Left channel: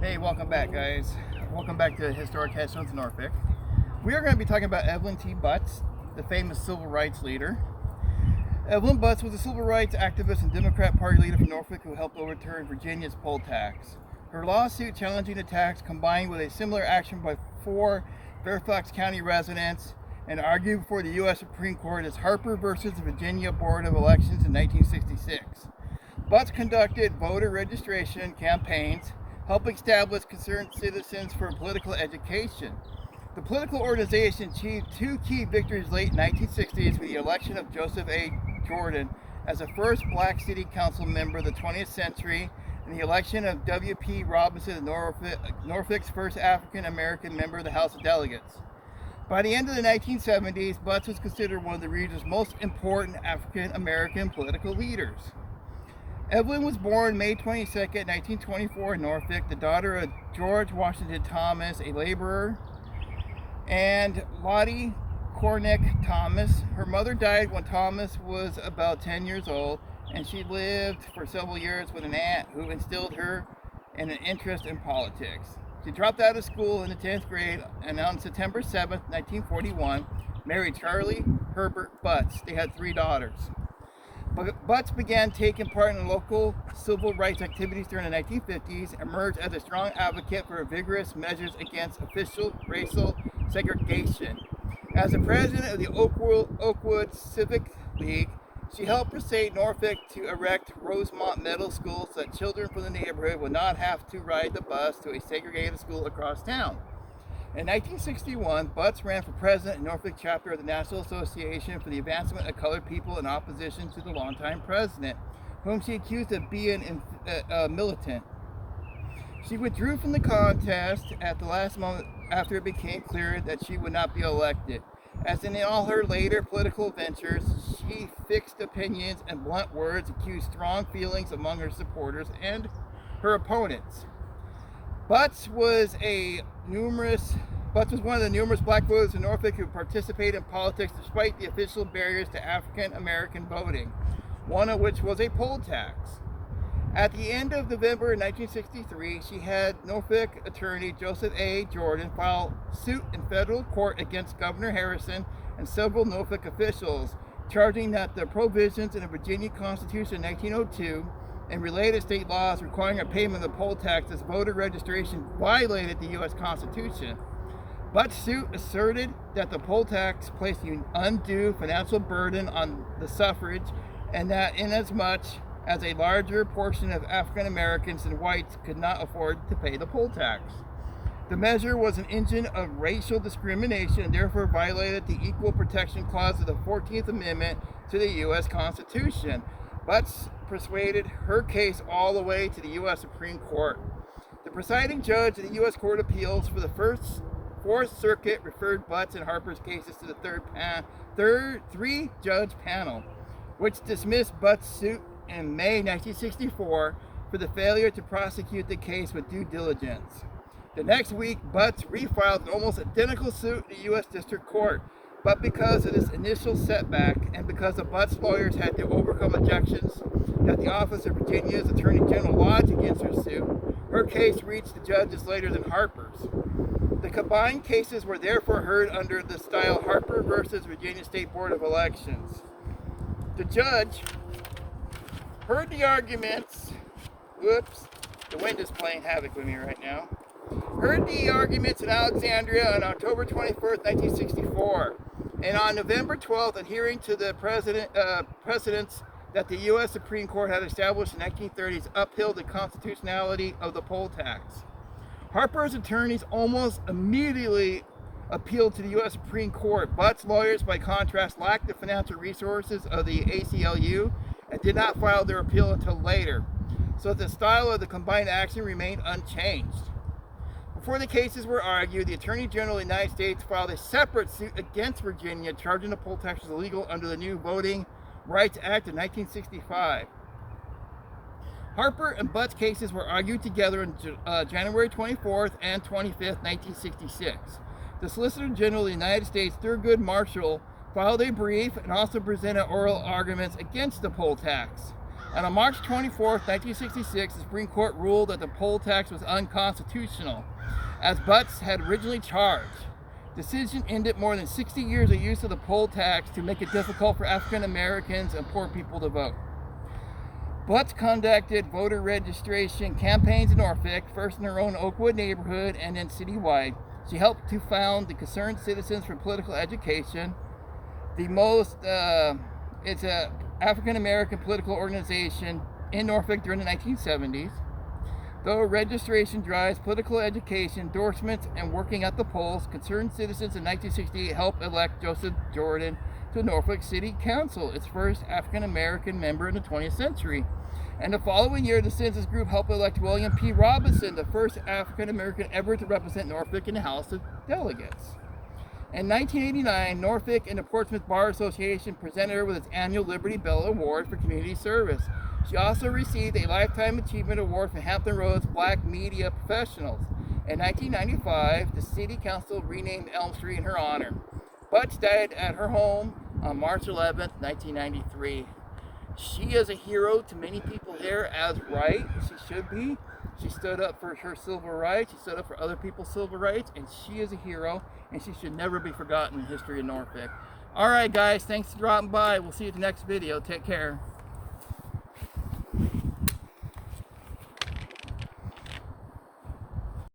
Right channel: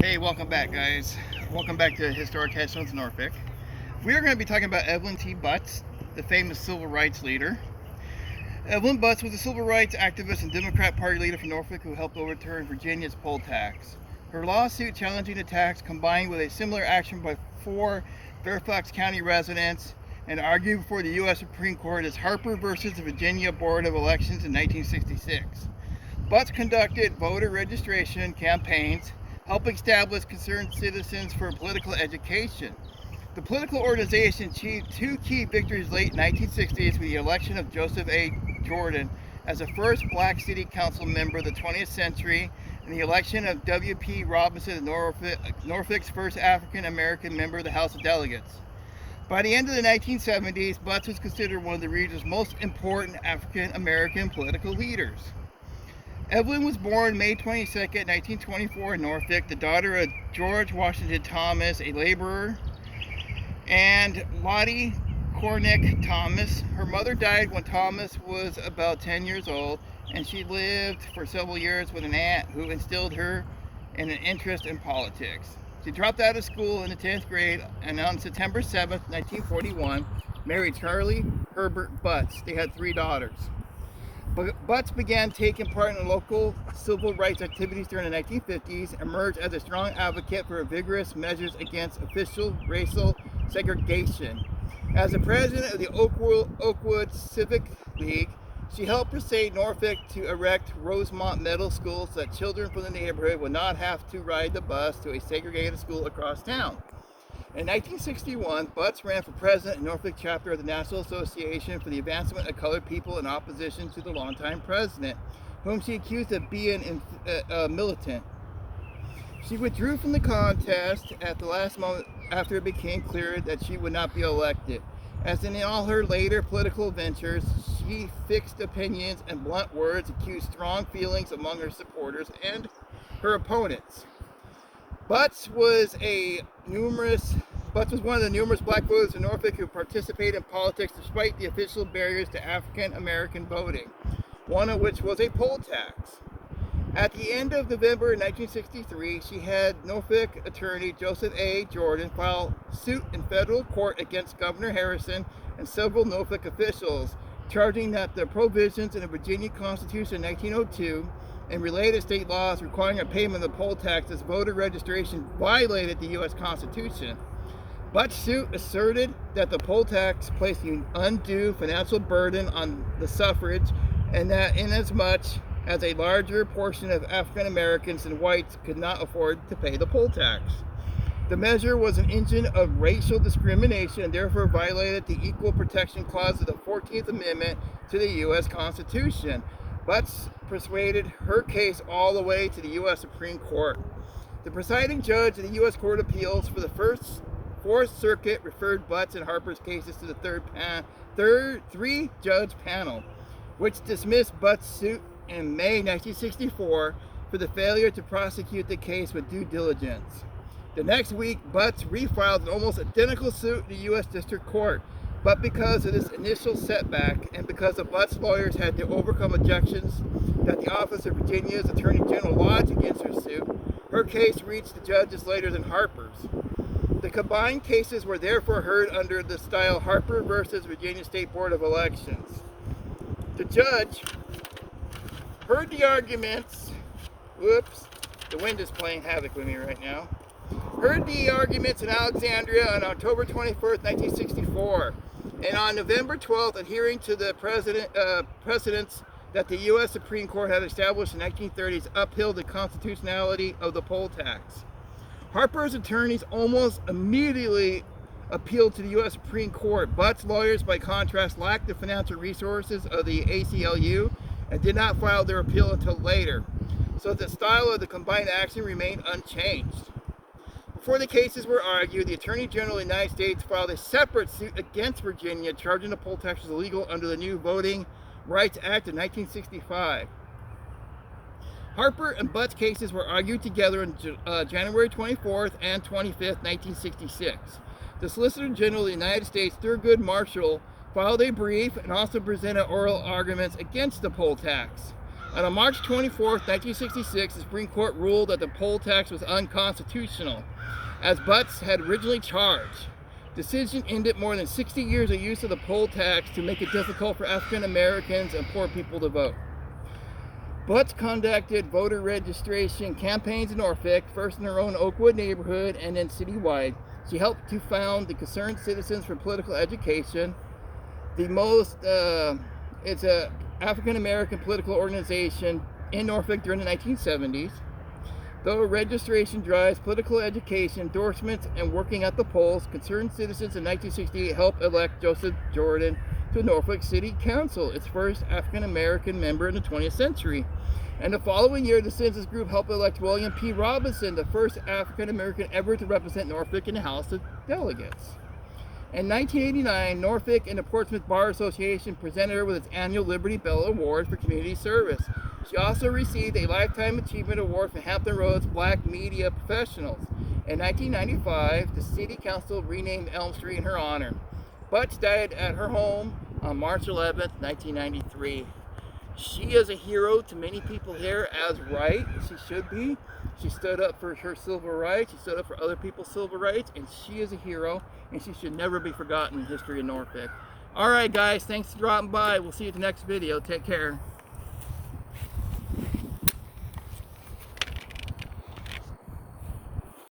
Hey, welcome back, guys. Welcome back to Historic Headstones Norfolk. We are going to be talking about Evelyn T. Butts, the famous civil rights leader. Evelyn Butts was a civil rights activist and Democrat Party leader from Norfolk who helped overturn Virginia's poll tax. Her lawsuit challenging the tax, combined with a similar action by 4 Fairfax County residents, and argued before the U.S. Supreme Court as Harper versus the Virginia Board of Elections in 1966. Butts conducted voter registration campaigns, helping establish concerned citizens for political education. The political organization achieved 2 key victories late 1960s with the election of Joseph A. Jordan as the first black city council member of the 20th century, and the election of W.P. Robinson, Norfolk's first African-American member of the House of Delegates. By the end of the 1970s, Butts was considered one of the region's most important African-American political leaders. Evelyn was born May 22, 1924 in Norfolk, the daughter of George Washington Thomas, a laborer, and Lottie Cornick Thomas. Her mother died when Thomas was about 10 years old, and she lived for several years with an aunt who instilled her in an interest in politics. She dropped out of school in the 10th grade and on September 7, 1941, married Charlie Herbert Butts. They had 3 daughters. Butts began taking part in local civil rights activities during the 1950s, emerged as a strong advocate for vigorous measures against official racial segregation. As the president of the Oakwood Civic League, she helped persuade Norfolk to erect Rosemont Middle School so that children from the neighborhood would not have to ride the bus to a segregated school across town. In 1961, Butts ran for president in Norfolk chapter of the National Association for the Advancement of Colored People in opposition to the longtime president, whom she accused of being militant. She withdrew from the contest at the last moment after it became clear that she would not be elected. As in all her later political ventures, she fixed opinions and blunt words accused strong feelings among her supporters and her opponents. Butts was one of the numerous black voters in Norfolk who participated in politics despite the official barriers to African American voting, one of which was a poll tax. At the end of November 1963, she had Norfolk attorney Joseph A. Jordan file suit in federal court against Governor Harrison and several Norfolk officials, charging that the provisions in the Virginia Constitution in 1902 and related state laws requiring a payment of the poll tax as voter registration violated the U.S. Constitution. Butts' suit asserted that the poll tax placed an undue financial burden on the suffrage, and that inasmuch as a larger portion of African Americans than whites could not afford to pay the poll tax. The measure was an engine of racial discrimination and therefore violated the Equal Protection Clause of the 14th Amendment to the U.S. Constitution. Butts persuaded her case all the way to the U.S. Supreme Court. The presiding judge of the U.S. Court of Appeals for the Fourth Circuit referred Butts and Harper's cases to the 3-judge panel, which dismissed Butts' suit in May 1964 for the failure to prosecute the case with due diligence. The next week, Butts refiled an almost identical suit in the U.S. District Court, but because of this initial setback and because the Butts lawyers had to overcome objections that the Office of Virginia's Attorney General lodged against her suit, her case reached the judges later than Harper's. The combined cases were therefore heard under the style Harper versus Virginia State Board of Elections. The judge heard the arguments. Whoops, the wind is playing havoc with me right now. Heard the arguments in Alexandria on October 21st, 1964, and on November 12th, adhering to the precedents that the U.S. Supreme Court had established in the 1930s, upheld the constitutionality of the poll tax. Harper's attorneys almost immediately appealed to the U.S. Supreme Court. Butts' lawyers, by contrast, lacked the financial resources of the ACLU and did not file their appeal until later, so the style of the combined action remained unchanged. Before the cases were argued, the Attorney General of the United States filed a separate suit against Virginia, charging the poll tax as illegal under the new Voting Rights Act of 1965. Harper and Butts' cases were argued together on January 24th and 25th, 1966. The Solicitor General of the United States, Thurgood Marshall, filed a brief and also presented oral arguments against the poll tax. And on March 24th, 1966, the Supreme Court ruled that the poll tax was unconstitutional, as Butts had originally charged. Decision ended more than 60 years of use of the poll tax to make it difficult for African Americans and poor people to vote. Butts conducted voter registration campaigns in Norfolk, first in her own Oakwood neighborhood and then citywide. She helped to found the Concerned Citizens for Political Education. It's an African American political organization in Norfolk during the 1970s. Though registration drives, political education, endorsements, and working at the polls, Concerned Citizens in 1968 helped elect Joseph Jordan to Norfolk City Council, its first African American member in the 20th century. And the following year, the census group helped elect William P. Robinson, the first African American ever to represent Norfolk in the House of Delegates. In 1989, Norfolk and the Portsmouth Bar Association presented her with its annual Liberty Bell Award for community service. She also received a Lifetime Achievement Award from Hampton Roads Black Media Professionals. In 1995, the City Council renamed Elm Street in her honor. Butts died at her home on March 11th, 1993. She is a hero to many people here, as right she should be. She stood up for her civil rights, she stood up for other people's civil rights, and she is a hero, and she should never be forgotten in the history of Norfolk. Alright guys, thanks for dropping by. We'll see you at the next video. Take care.